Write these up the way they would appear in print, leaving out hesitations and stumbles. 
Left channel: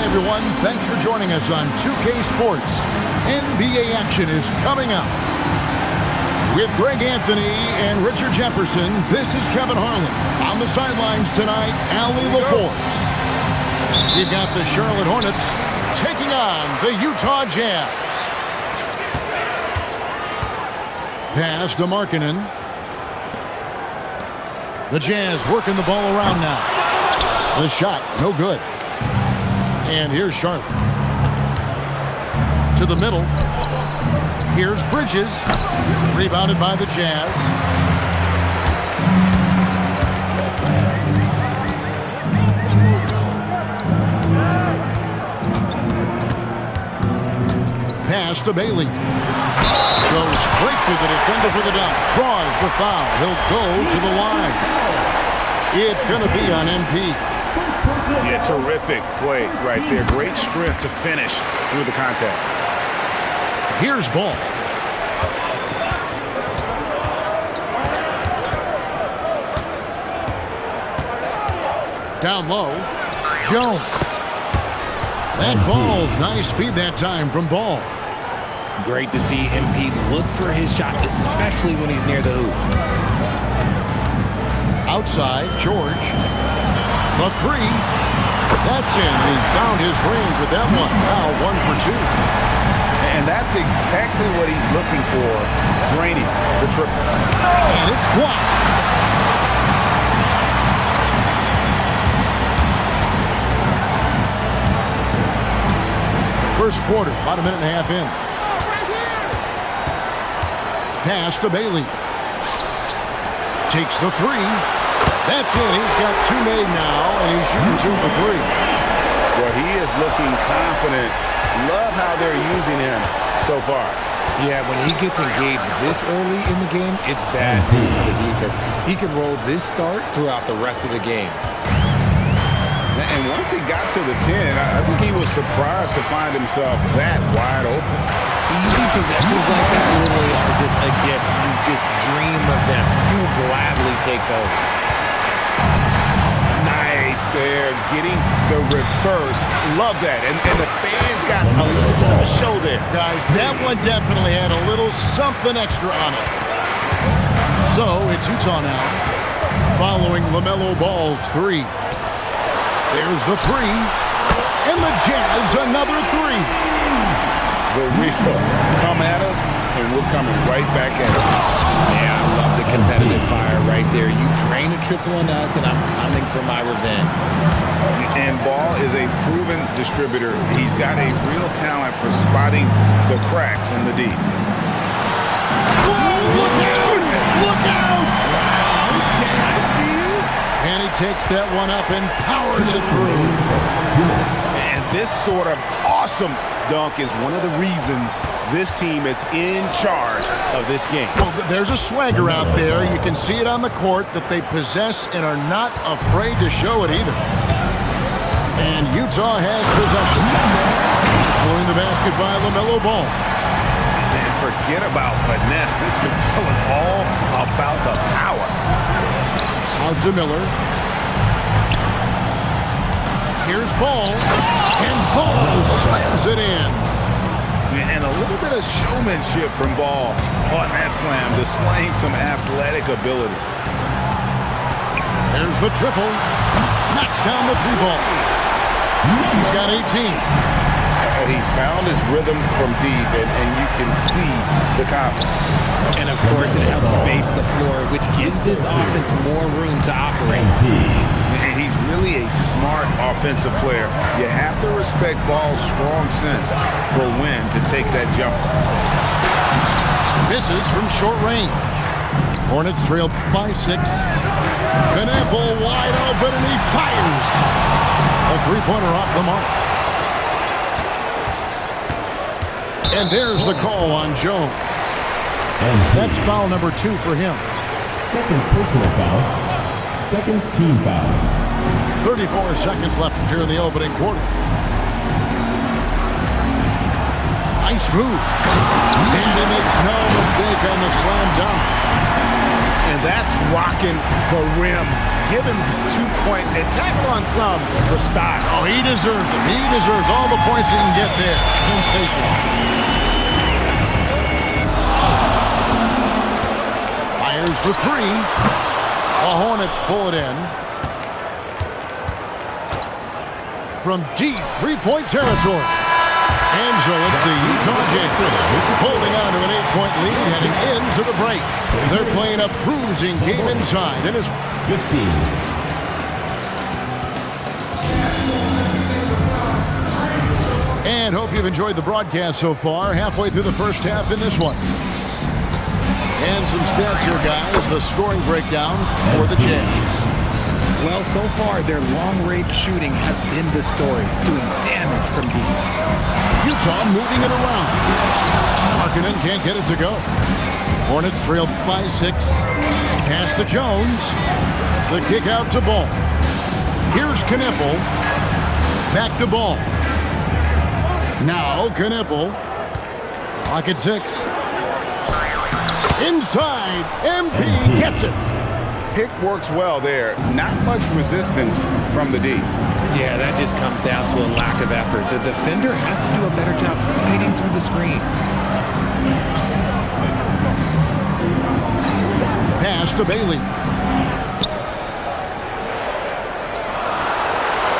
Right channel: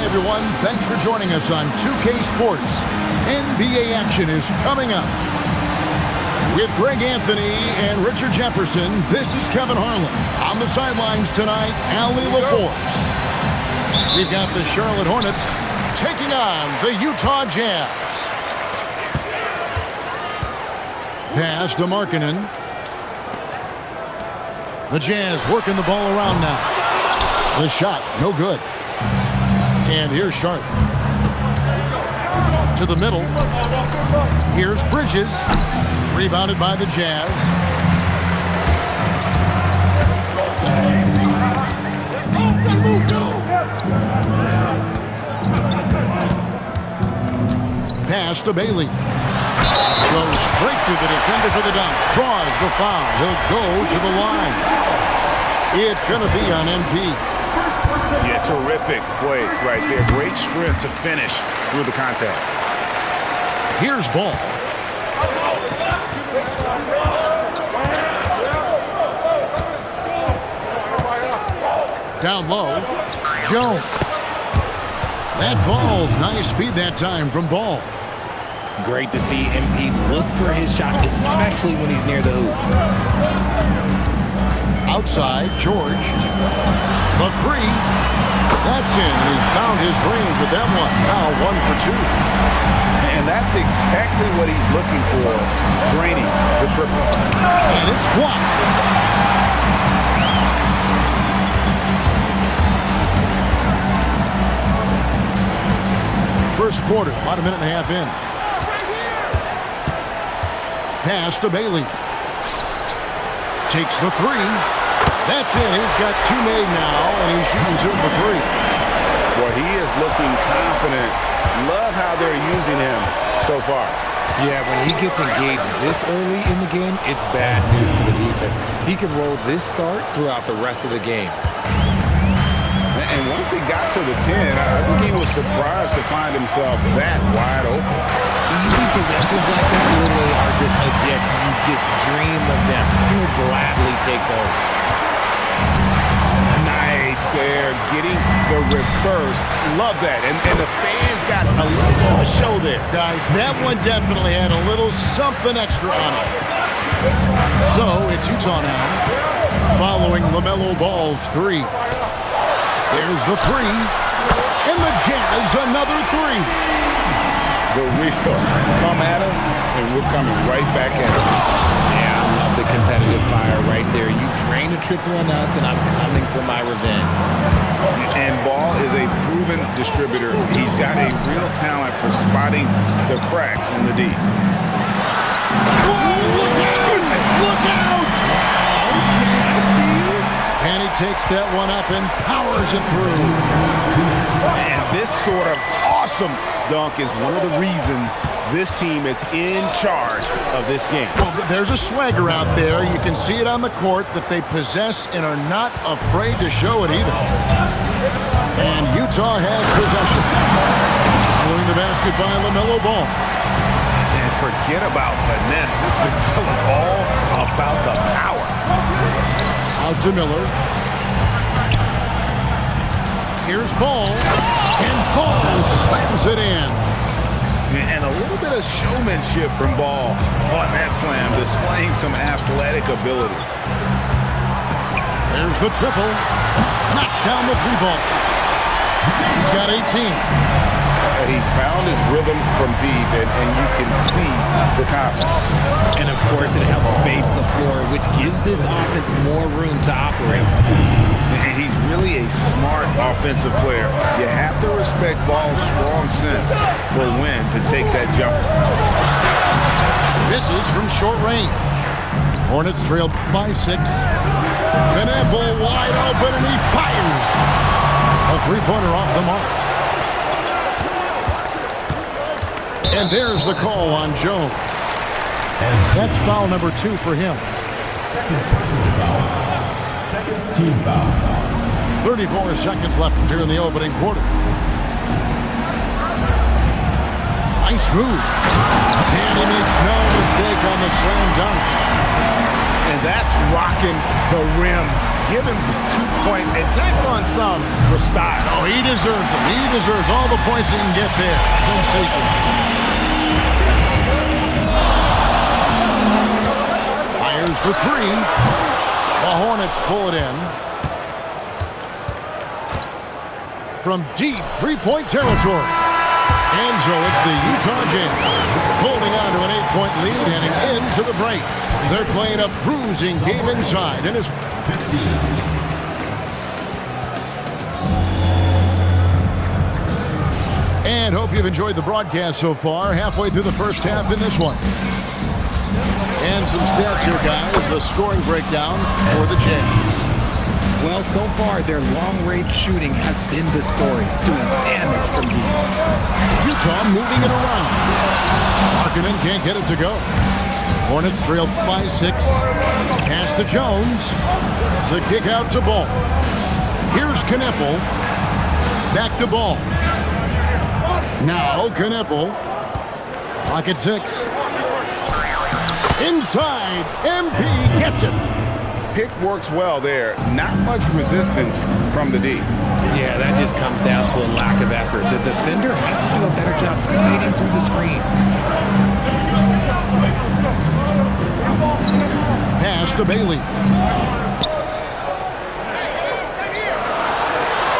Hi, everyone. Thanks for joining us on 2K Sports. NBA action is coming up. With Greg Anthony and Richard Jefferson, this is Kevin Harlan. On the sidelines tonight, Allie LaForce. We've got the Charlotte Hornets taking on the Utah Jazz. Pass to Markkanen. The Jazz working the ball around now. The shot, no good. And here's Charlotte. To the middle. Here's Bridges. Rebounded by the Jazz. Pass to Bailey. Goes straight through the defender for the dunk. Draws the foul. He'll go to the line. It's going to be on MP. Yeah, terrific play right there. Great strength to finish through the contact. Here's Ball. Down low. Jones. That falls. Nice feed that time from Ball. Great to see MP look for his shot, especially when he's near the hoop. Outside, George. The three. That's in, and he found his range with that one. Now 1 for 2. And that's exactly what he's looking for, draining the triple. And it's blocked. First quarter, about a minute and a half in. Pass to Bailey. Takes the three. That's in. He's got 2 made now, and he's shooting 2 for 3. Well, he is looking confident. Love how they're using him so far. Yeah, when he gets engaged this early in the game, it's bad news for the defense. He can roll this start throughout the rest of the game. And once he got to the 10, I think he was surprised to find himself that wide open. Easy possessions like that literally are just a gift. You just dream of them. He'll gladly take those. Nice there, getting the reverse. Love that. And the fans got a little bit of a show there. Guys, that one definitely had a little something extra on it. So it's Utah now, following LaMelo Ball's 3. There's the 3. And the Jazz, another 3. The real come at us, and we're coming right back at you. Yeah, I love the competitive fire right there. You drain a triple on us, and I'm coming for my revenge. And Ball is a proven distributor. He's got a real talent for spotting the cracks in the D. Whoa, look out! Look out! Wow, okay, I see you. And he takes that one up and powers it through. And this sort of awesome dunk is one of the reasons this team is in charge of this game. Well, there's a swagger out there. You can see it on the court that they possess and are not afraid to show it either. And Utah has possession. Following the basket by LaMelo Ball. And forget about finesse. This big fella's all about the power. Out to Miller. Here's Ball. And Ball slams it in. And a little bit of showmanship from Ball on that slam, displaying some athletic ability. There's the triple. Knocks down the 3 ball. He's got 18. He's found his rhythm from deep, and you can see the confidence. And, of course, it helps space the floor, which gives this offense more room to operate. And he's really a smart offensive player. You have to respect Ball's strong sense for when to take that jumper. Misses from short range. Hornets trail by 6. Knappel wide open, and he fires. A 3-pointer off the mark. And there's the call on Jones. That's foul number 2 for him. Second personal foul. Second team foul. 34 seconds left here in the opening quarter. Nice move. And he makes no mistake on the slam dunk. And that's rocking the rim give him 2 points and tackle on some for style. Oh, he deserves them. He deserves all the points he can get there. Sensational. Fires for 3. The Hornets pull it in. From deep three-point territory. And so it's the Utah Jazz holding on to an 8-point lead heading into the break. They're playing a bruising game inside and it's 15. And hope you've enjoyed the broadcast so far. Halfway through the first half in this one. And some stats here, guys. The scoring breakdown for the Jazz. Well, so far, their long-range shooting has been the story, doing damage from deep. Utah moving it around. Markkanen can't get it to go. Hornets trail by 6. Pass to Jones. The kick out to Ball. Here's Kneppel. Back to Ball. Now Kneppel. Clock at 6. Inside. MP gets it. Pick works well there. Not much resistance from the D. Yeah, that just comes down to a lack of effort. The defender has to do a better job fighting through the screen. Pass to Bailey.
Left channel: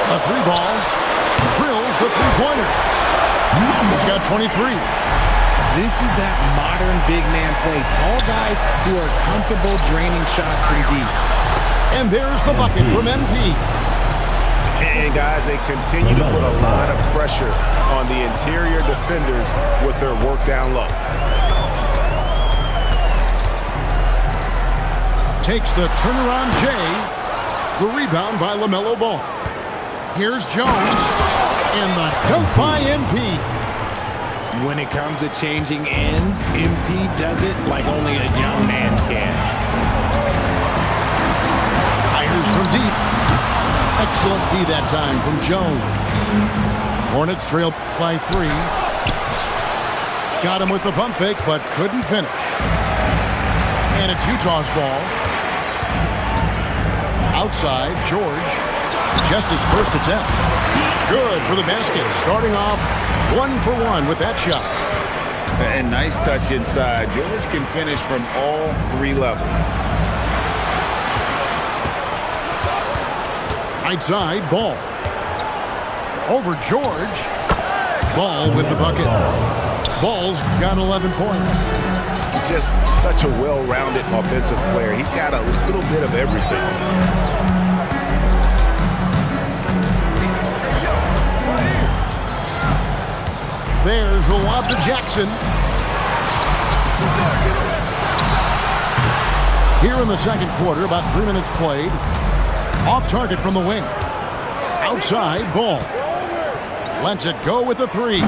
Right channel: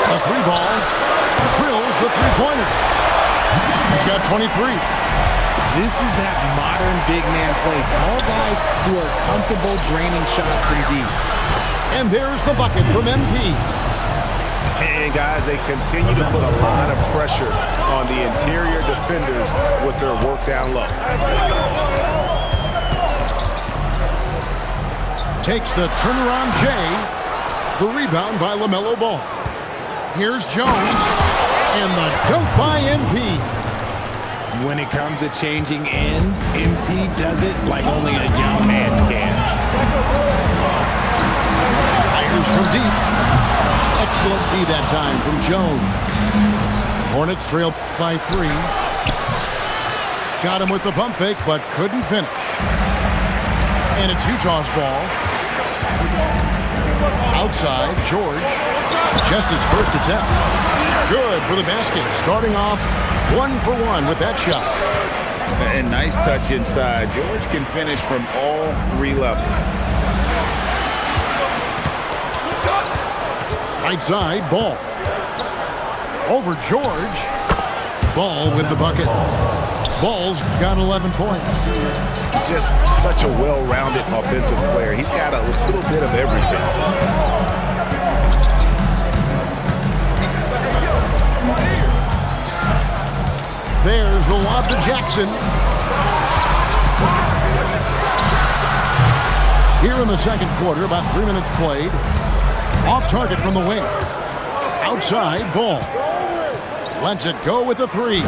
A 3-ball. Drills the three-pointer. He's got 23. This is that modern big man play. Tall guys who are comfortable draining shots from deep. And there's the bucket from MP. And guys, they continue to put a lot of pressure on the interior defenders with their work down low. Takes the turnaround Jay. The rebound by LaMelo Ball. Here's Jones. And the dunk by MP. When it comes to changing ends, MP does it like only a young man can. Fires from deep. Excellent D that time from Jones. Hornets trail by 3. Got him with the pump fake, but couldn't finish. And it's Utah's ball. Outside, George. Just his first attempt. Good for the basket. Starting off 1 for 1 with that shot. And nice touch inside. George can finish from all 3 levels. Right side, Ball. Over George. Ball with the bucket. Ball's got 11 points. Just such a well-rounded offensive player. He's got a little bit of everything. There's the lob to Jackson. Here in the second quarter, about 3 minutes played. Off target from the wing. Outside, Ball. Lets it go with the 3.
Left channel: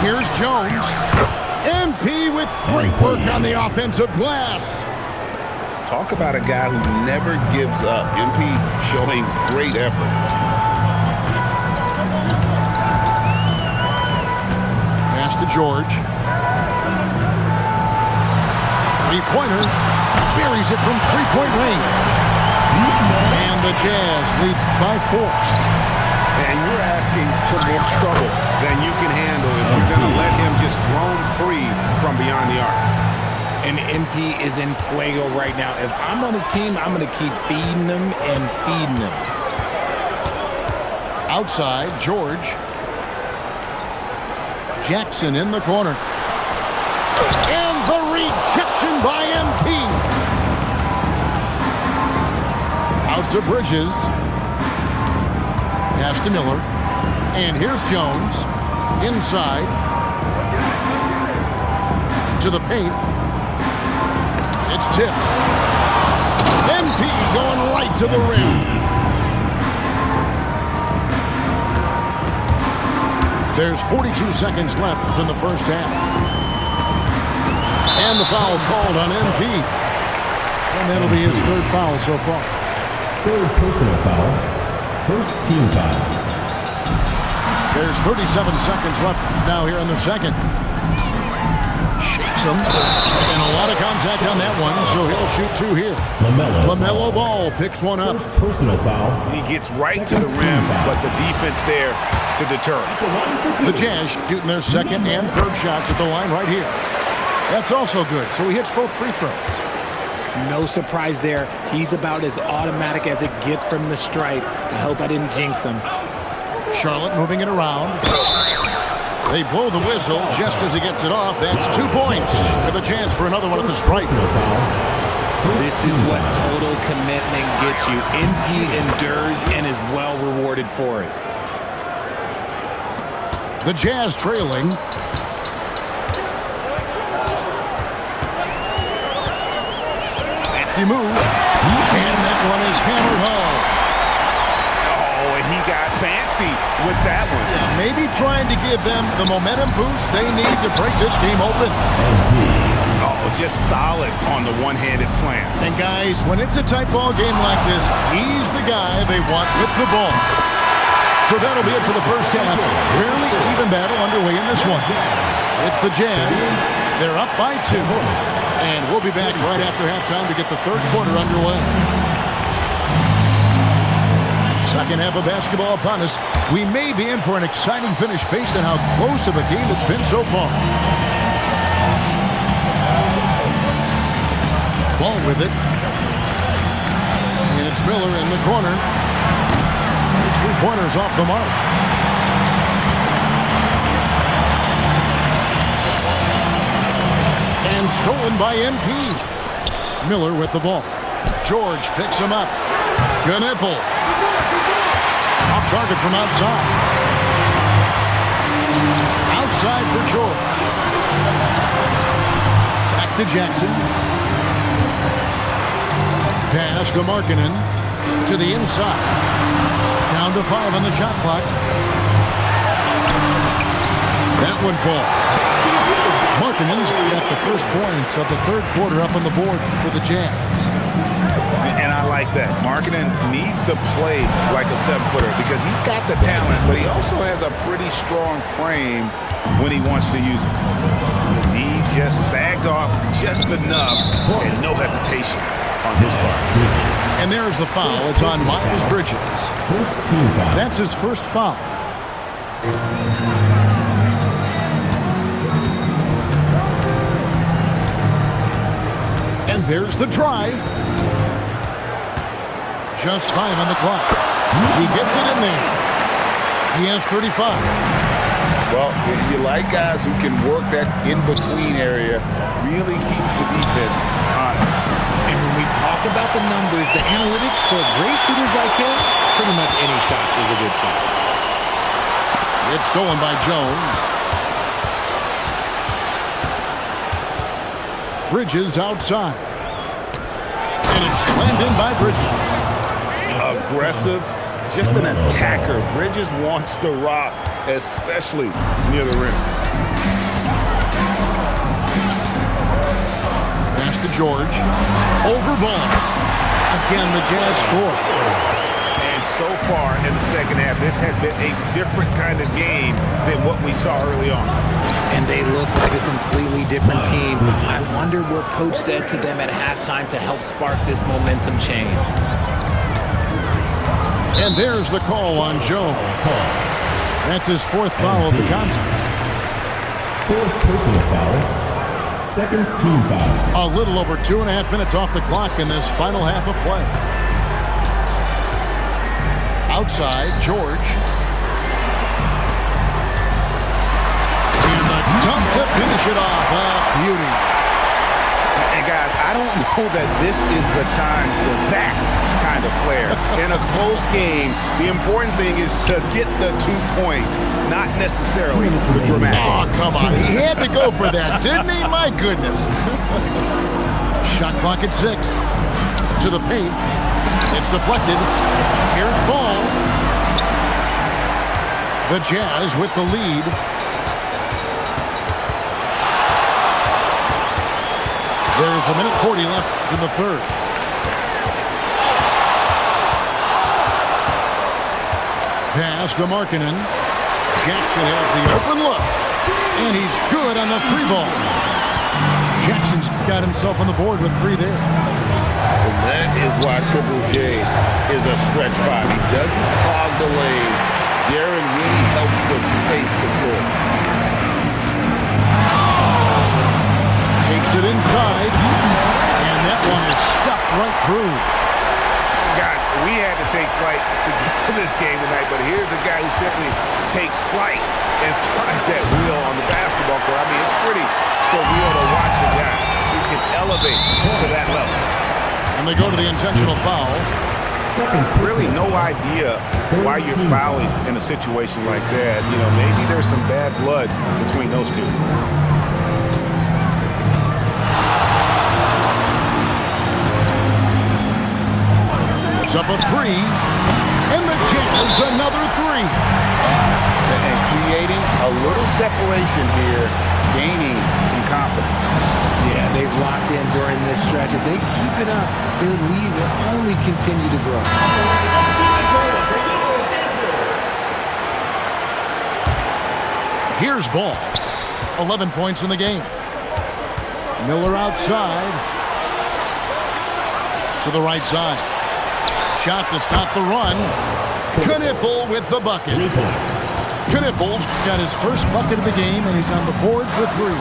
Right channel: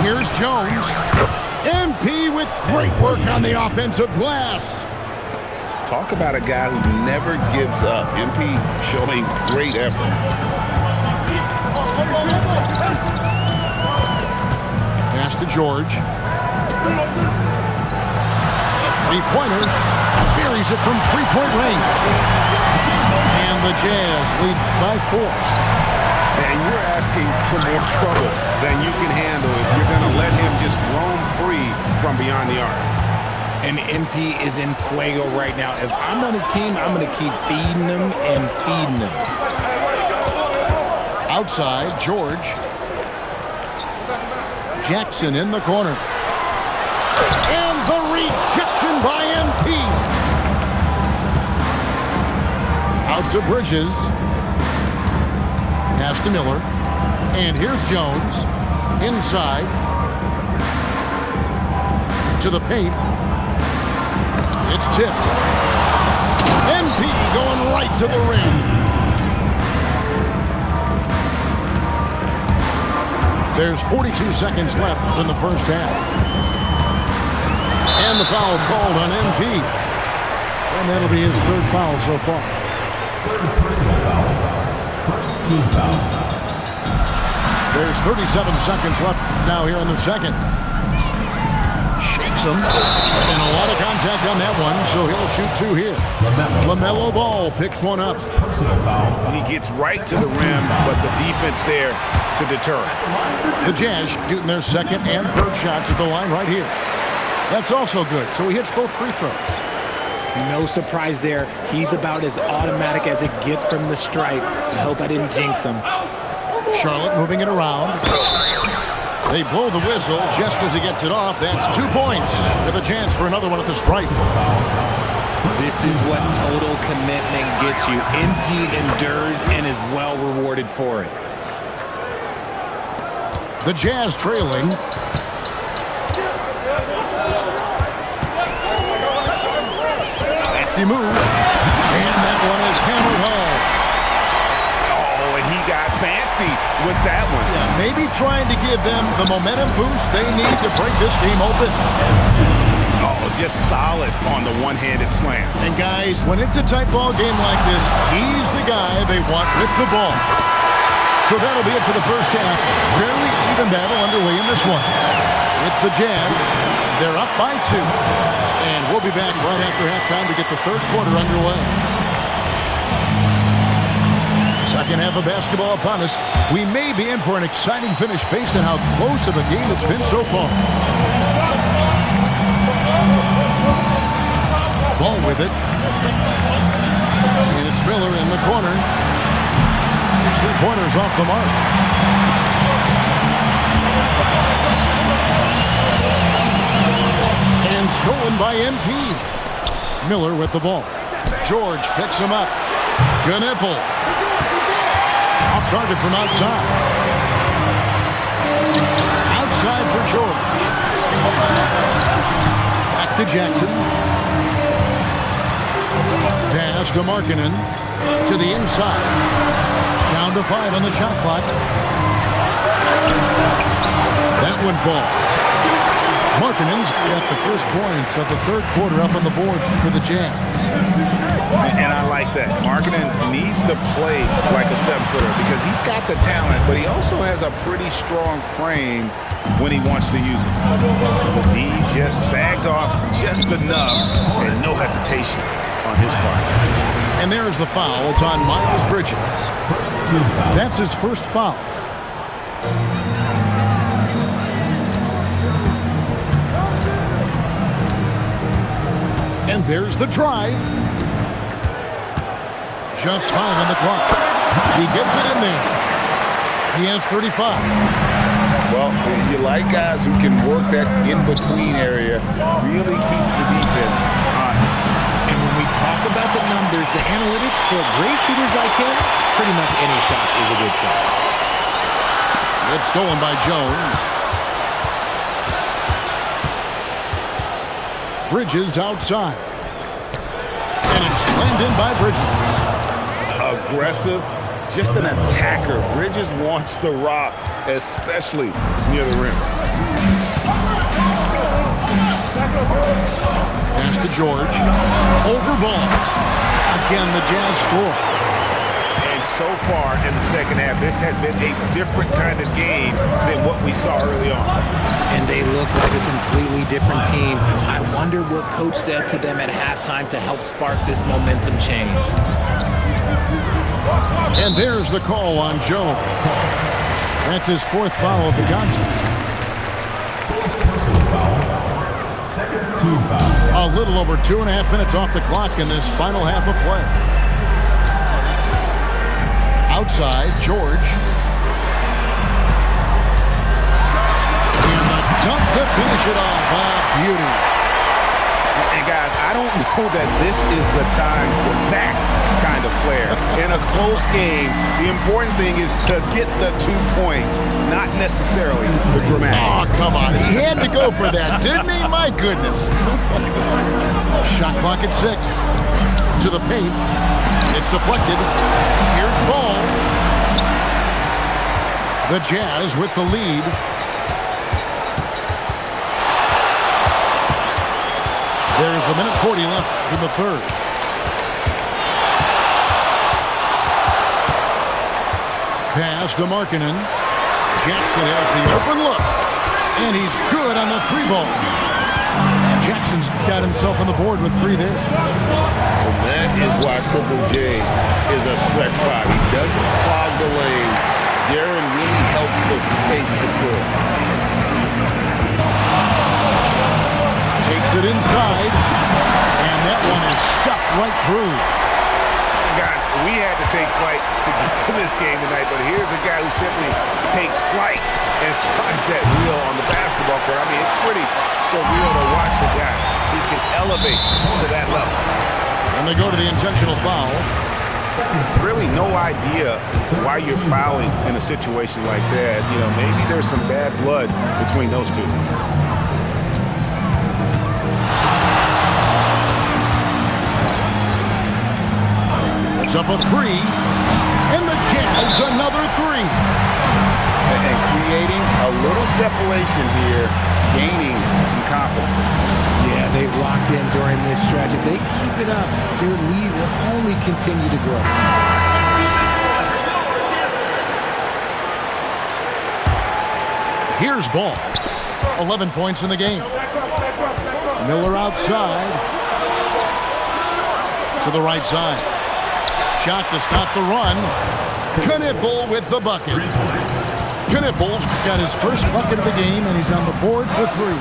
Here's Jones. MP with great work on the offensive glass. Talk about a guy who never gives up. MP showing great effort. Pass to George. Three-pointer. Buries it from three-point range. And the Jazz lead by 4. And you're asking for more trouble than you can handle if you're going to let him just roam free from beyond the arc. And MP is in fuego right now. If I'm on his team, I'm going to keep feeding him and feeding him. Outside, George. Jackson in the corner. And the rejection by MP. Out to Bridges. Pass to Miller. And here's Jones. Inside. To the paint. It's tipped. MP going right to the rim. There's 42 seconds left in the first half. And the foul called on MP. And that'll be his 3rd foul so far. 3rd personal foul. 1st team foul. There's 37 seconds left now here in the second. Shakes him. And a lot of contact on that one, so he'll shoot 2 here. LaMelo Ball picks one up. First personal foul. He gets right to the rim, but the defense there to deter him. The Jazz shooting their second and third shots at the line right here. That's also good, so he hits both free throws. No surprise there. He's about as automatic as it gets from the stripe. I hope I didn't jinx him. Charlotte moving it around. They blow the whistle just as he gets it off. That's 2 points with a chance for another one at the stripe. This is what total commitment gets you. MP endures and is well rewarded for it. The Jazz trailing. Crafty move. And that one is hammered home. He got fancy with that one. Yeah, maybe trying to give them the momentum boost they need to break this game open. Oh, just solid on the one-handed slam. And guys, when it's a tight ball game like this, he's the guy they want with the ball. So that'll be it for the first half. Fairly even battle underway in this one. It's the Jazz. They're up by 2. And we'll be back right after halftime to get the third quarter underway. Second half of basketball upon us. We may be in for an exciting finish based on how close of a game it's been so far. Ball with it. And it's Miller in the corner. His 3-pointers off the mark. And stolen by MP. Miller with the ball. George picks him up. Gnipple. Off target from outside. Outside for George. Back to Jackson. Pass to Markkanen. To the inside. Down to 5 on the shot clock. That one falls. Markkanen's got the first points of the third quarter up on the board for the Jazz. And I like that. Markkanen needs to play like a 7-footer because he's got the talent, but he also has a pretty strong frame when he wants to use it. The D just sagged off just enough and no hesitation on his part. And there's the foul. It's on Miles Bridges. First team foul. That's his first foul. And there's the drive. Just 5 on the clock. He gets it in there. He has 35. Well, you like guys who can work that in-between area, really keeps the defense honest. And when we talk about the numbers, the analytics for great shooters like him, pretty much any shot is a good shot. It's stolen by Jones. Bridges outside. And it's slammed in by Bridges. Aggressive, just an attacker. Bridges wants the rock, especially near the rim. Pass to George. Over ball. Again, the Jazz score. And so far in the second half, this has been a different kind of game than what we saw early on. And they look like a completely different team. I wonder what coach said to them at halftime to help spark this momentum change. And there's the call on Jones. That's his 4th foul of the contest. 4th personal foul. Second team foul. A little over 2.5 minutes off the clock in this final half of play. Outside, George. And the dunk to finish it off. A beauty. And guys, I don't know that this is the time for that kind of flair. In a close game, the important thing is to get the 2 points, not necessarily the dramatics. Oh, come on. He had to go for that, didn't he? My goodness. Shot clock at 6. To the paint. It's deflected. Here's Ball. The Jazz with the lead. There's 1:40 left in the third. Pass to Markkanen. Jackson has the open look. And he's good on the 3 ball. Jackson's got himself on the board with 3 there. And that is why Triple J is a stretch 5. He doesn't clog the lane. Jaron really helps to space the floor. Takes it inside, and that one is stuffed right through. Guys, we had to take flight to get to this game tonight, but here's a guy who simply takes flight and flies that wheel on the basketball court. I mean, it's pretty surreal to watch a guy who can elevate to that level. And they go to the intentional foul. Really no idea why you're fouling in a situation like that. You know, maybe there's some bad blood between those two. It's up a 3, and the Jazz another 3. And creating a little separation here, gaining some confidence. Yeah, they've locked in during this stretch. If they keep it up, their lead will only continue to grow. Here's Ball. 11 points in the game. Miller outside. To the right side. Shot to stop the run. Knipple with the bucket. 3 points. Knipple's got his first bucket of the game, and he's on the board for 3.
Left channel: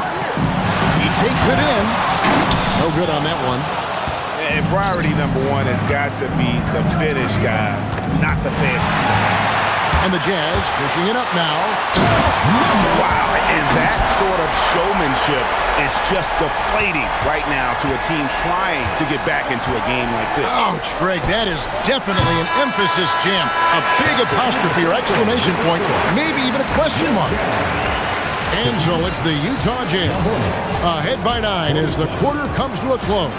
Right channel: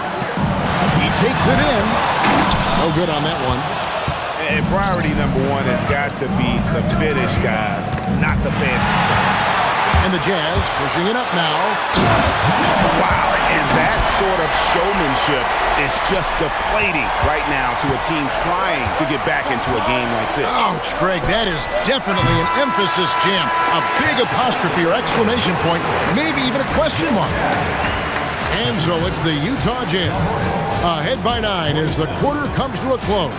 He takes it in. No good on that one. And priority number 1 has got to be the finish, guys, not the fancy stuff. And the Jazz pushing it up now. Wow, and that sort of showmanship is just deflating right now to a team trying to get back into a game like this. Ouch, Greg, that is definitely an emphasis jam. A big apostrophe or exclamation point, maybe even a question mark. And so it's the Utah Jazz ahead by 9 as the quarter comes to a close.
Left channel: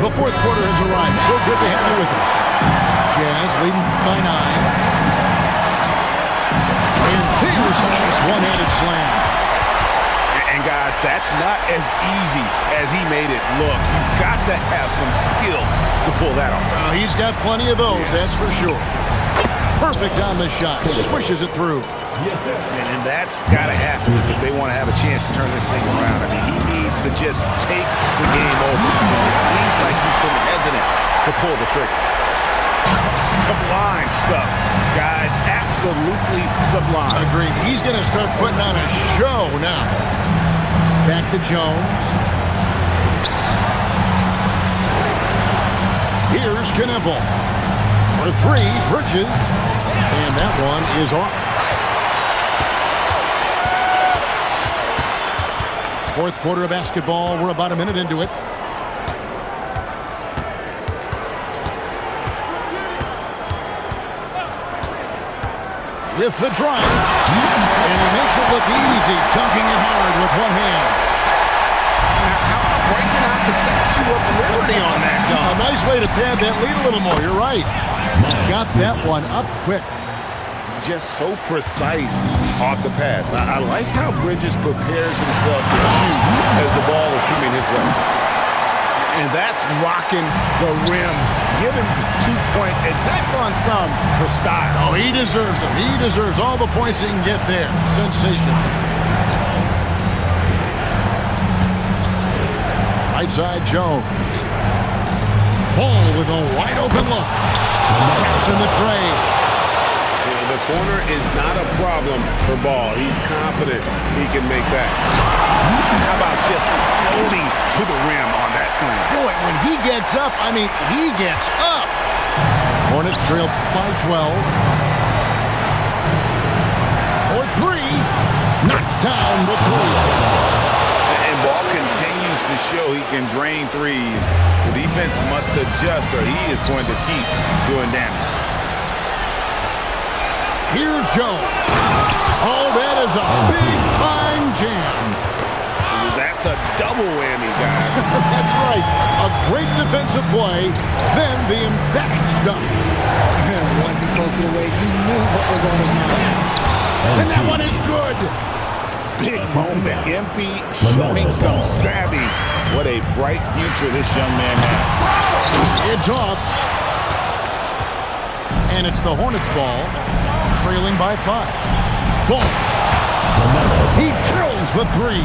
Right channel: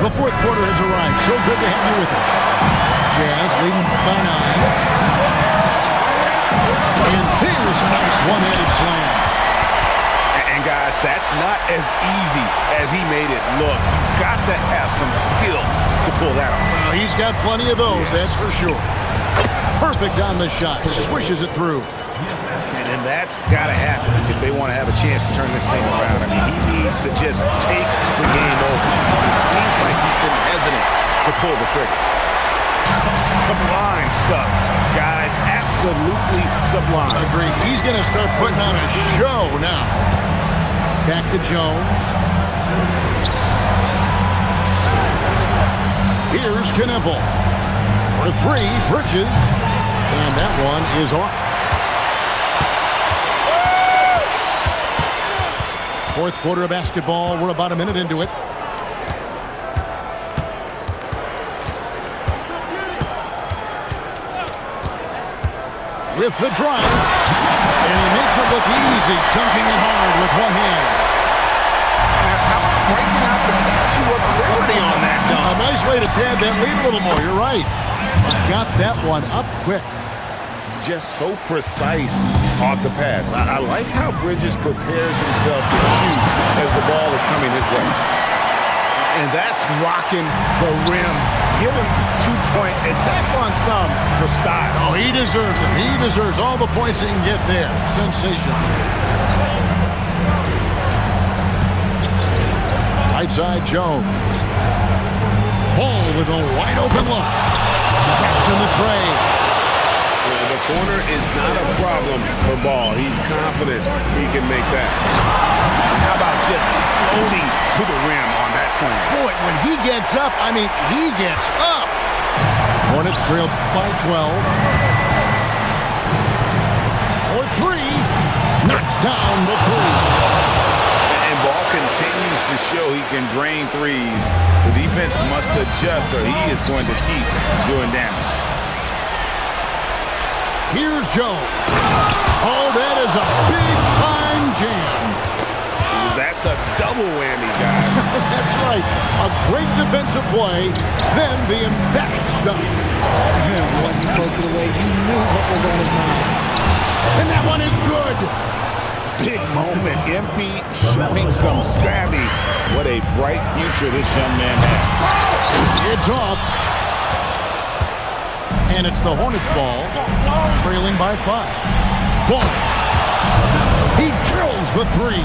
The fourth quarter has arrived. So good to have you with us. Jazz leading by 9. And there's a nice one-handed slam. And guys, that's not as easy as he made it look. You've got to have some skills to pull that off. Well, he's got plenty of those, that's for sure. Perfect on the shot. Swishes it through. And that's got to happen if they want to have a chance to turn this thing around. I mean, he needs to just take the game over. I mean, it seems like he's been hesitant to pull the trigger. Sublime stuff, guys. Absolutely sublime. Agreed. He's going to start putting on a show now. Back to Jones. Here's Knipple. For 3, Bridges. And that one is off. Fourth quarter of basketball. We're about a minute into it. With the drive. And he makes it look easy, dunking it hard with one hand. Now, how about breaking out the Statue of Liberty on that dunk? A nice way to pad that lead a little more. You're right. Got that one up quick. Just so precise off the pass. I like how Bridges prepares himself to shoot as the ball is coming his way. And that's rocking the rim. Give him 2 points and tack on some for style. Oh, he deserves them. He deserves all the points he can get there. Sensational. Right side, Jones. Ball with a wide open look. Traps in the tray. The corner is not a problem for Ball. He's confident he can make that. And how about just floating to the rim on that slam? Boy, when he gets up, I mean, he gets up. Hornets trail by 12. For 3. Knocks down the 3. And Ball continues to show he can drain threes. The defense must adjust or he is going to keep doing damage. Here's Jones. Oh, that is a big-time jam. That's a double whammy, guys. That's right. A great defensive play, then the emphatic stuff. Once he poked it away, you knew what was on his mind. And that one is good. Big moment. MP showing some savvy. What a bright future this young man has. It's off. And it's the Hornets ball, trailing by 5. Boom. He drills the three.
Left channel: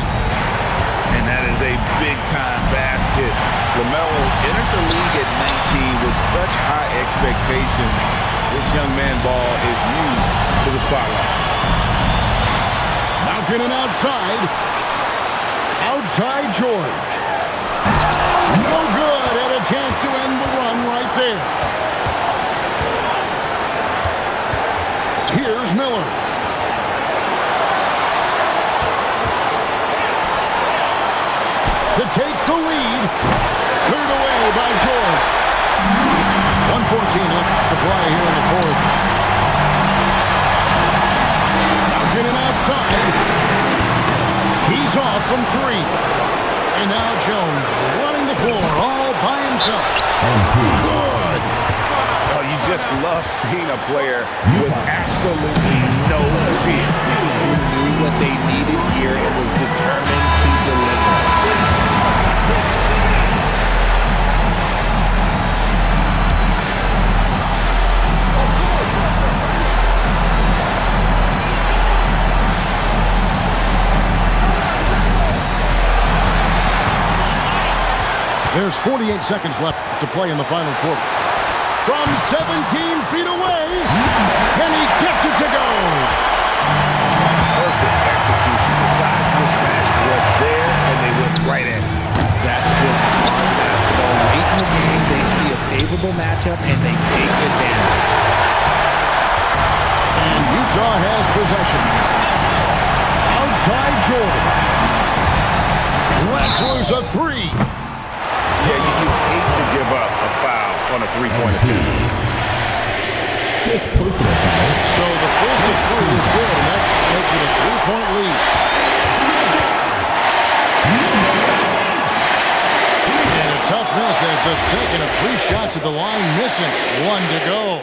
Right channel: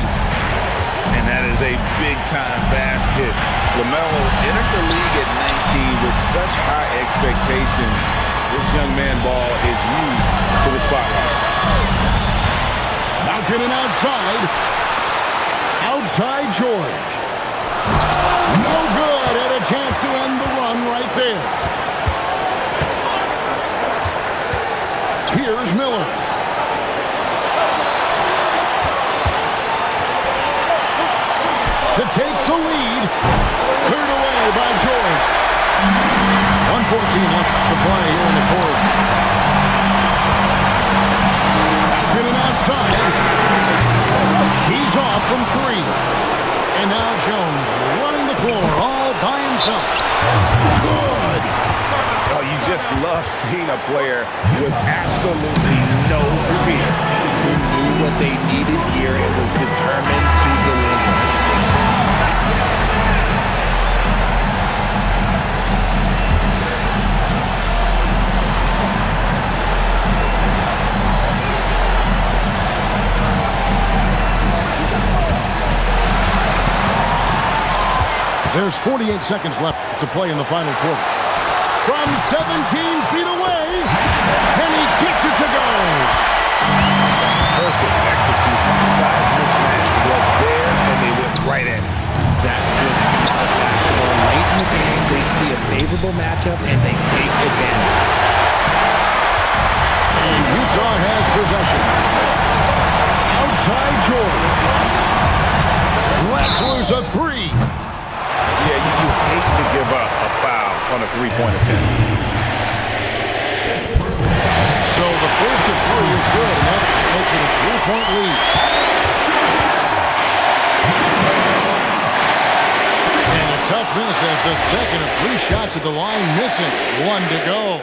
And that is a big-time basket. LaMelo entered the league at 19 with such high expectations. This young man ball is used to the spotlight. Malkin outside. Outside George. No good. And a chance to end the run right there. Here's Miller. To take the lead. Cleared away by George. 1:14 left to play here in the fourth. Malkin outside. He's off from three. And now Jones running the floor all by himself. Good. Oh, you just love seeing a player with absolutely no fear. Who knew what they needed here and was determined to deliver. There's 48 seconds left to play in the final quarter. From 17 feet away, and he gets it to go. Perfect execution. The size mismatch was there, and they went right at it. That's just smart basketball. Late in the game, they see a favorable matchup, and they take advantage. And Utah has possession. Outside George. Let's lose a three. Yeah, you hate to give up a foul on a three-point attempt. So the first of three is good, and that makes it a three-point lead. And a tough miss as the second of three shots at the line missing. One to go.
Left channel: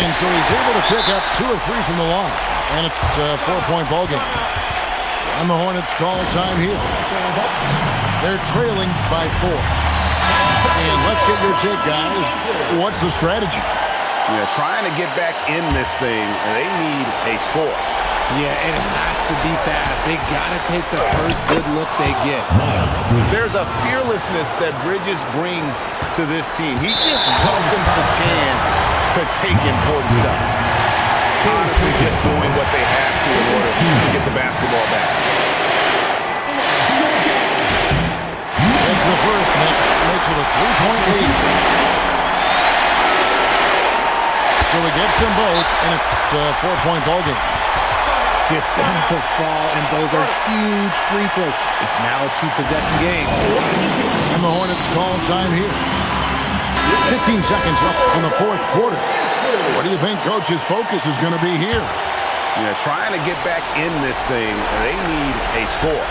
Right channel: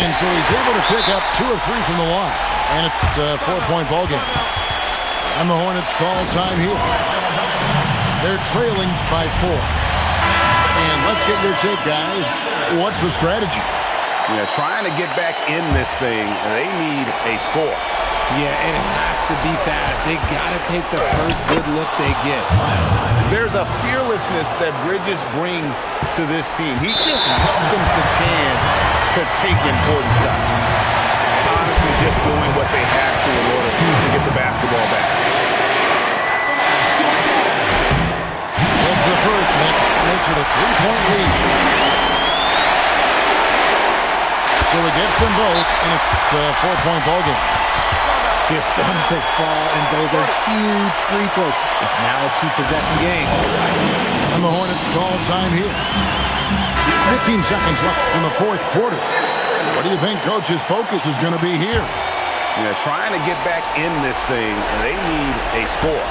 And so he's able to pick up 2 of 3 from the line. And it's a 4-point ball game. And the Hornets call time here. They're trailing by 4. And let's get your take, guys. What's the strategy? Yeah, trying to get back in this thing, they need a score. Yeah, it has to be fast. They got to take the first good look they get. There's a fearlessness that Bridges brings to this team. He just welcomes the chance to take important shots. Honestly, just doing what they have to in order to get the basketball back. It's the first, makes it a 3-point lead. So he gets them both, and it's a 4-point ball game. Gets them to fall, and those are huge free throws. It's now a 2-possession game. And the Hornets call time here. 15 seconds left in the fourth quarter. What do you think Coach's focus is going to be here? Yeah, trying to get back in this thing, they need a score.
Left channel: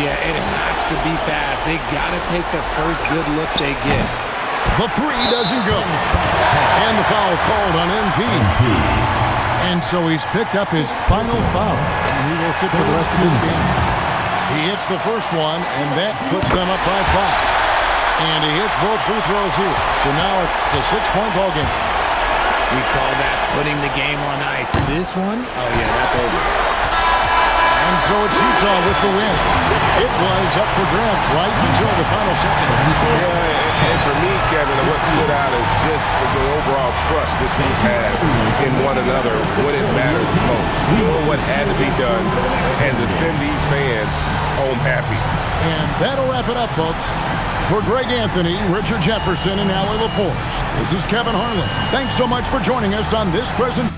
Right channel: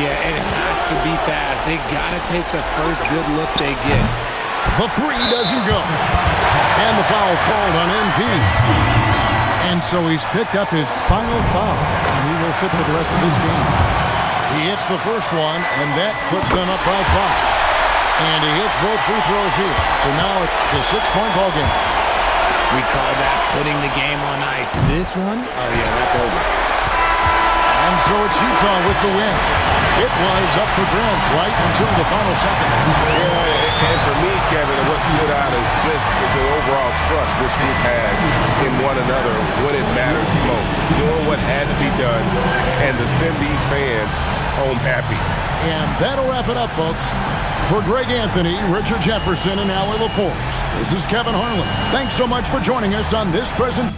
Yeah, it has to be fast. They got to take the first good look they get. The three doesn't go. And the foul called on MP. And so he's picked up his final foul. And he will sit for the rest of this game. He hits the first one, and that puts them up by 5. And he hits both free throws here. So now it's a 6-point ball game. We call that putting the game on ice. This one, oh yeah, that's over. And so it's Utah with the win. It was up for grabs right until the final seconds. Yeah, and for me, Kevin, what stood out is just the overall trust this group has in one another when it matters most. Doing what had to be done and to send these fans home happy. And that'll wrap it up, folks. For Greg Anthony, Richard Jefferson, and Allie LaForce, this is Kevin Harlan. Thanks so much for joining us on this present.